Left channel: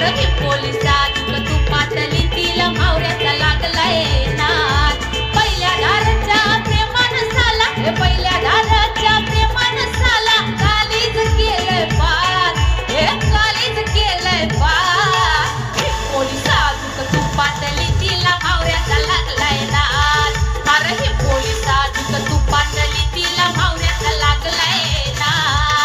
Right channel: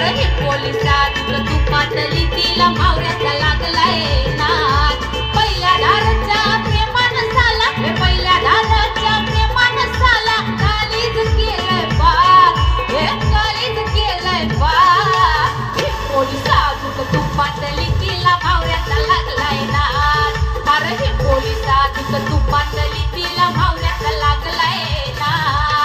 अरे हे पोलिसात तू पाटली तिला मावऱ्याचा लागलाय नाद. पहिल्या दाराच्या प्रेमानं साला, हे पहिल्या दाराच्या प्रेमानं साला कालीज केलंय पार, हे कालीज केलंय पार. हे पोलिसात तू पाटली तिला मावऱ्याचा लागलाय नाद. अरे हे पोलिसात तू पाटली तिला मावऱ्याचा लागलाय नाद.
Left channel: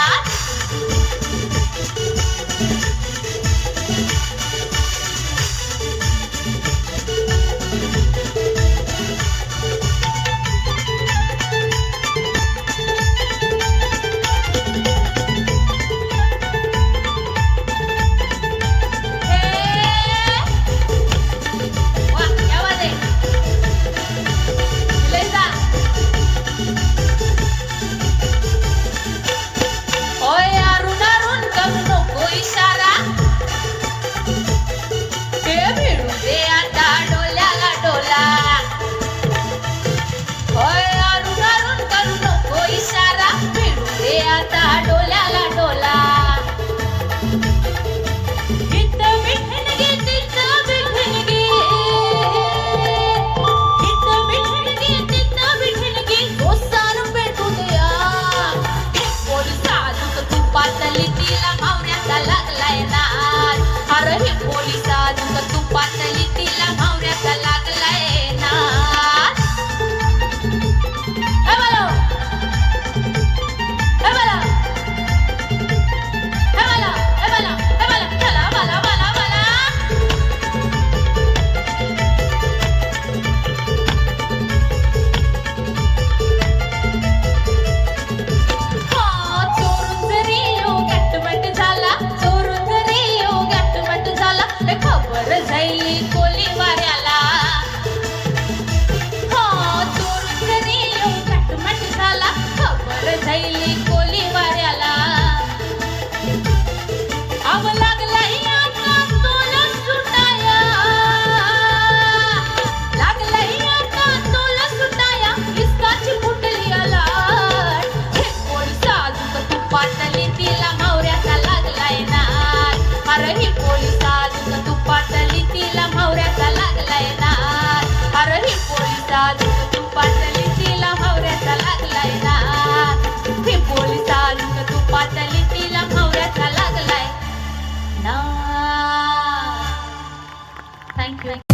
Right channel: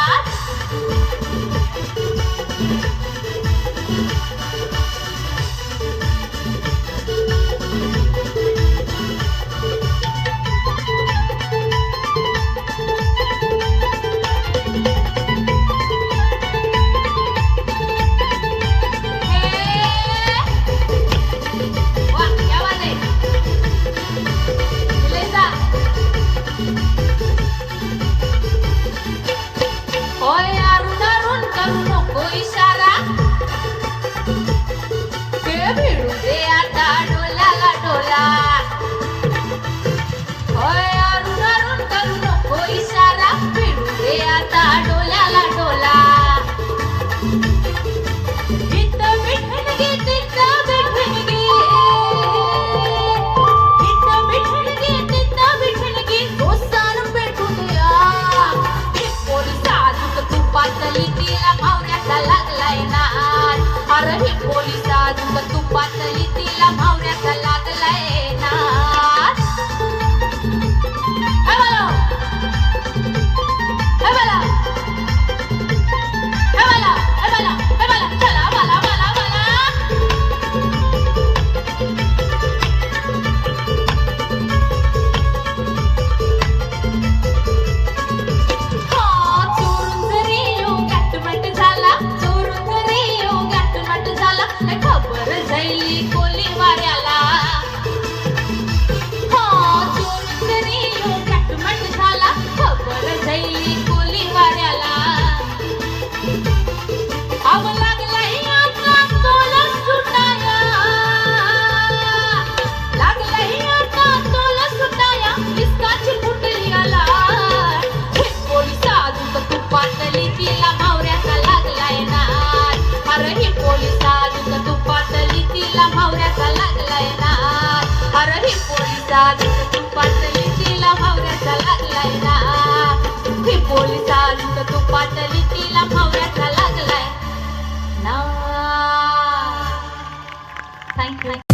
Thank you.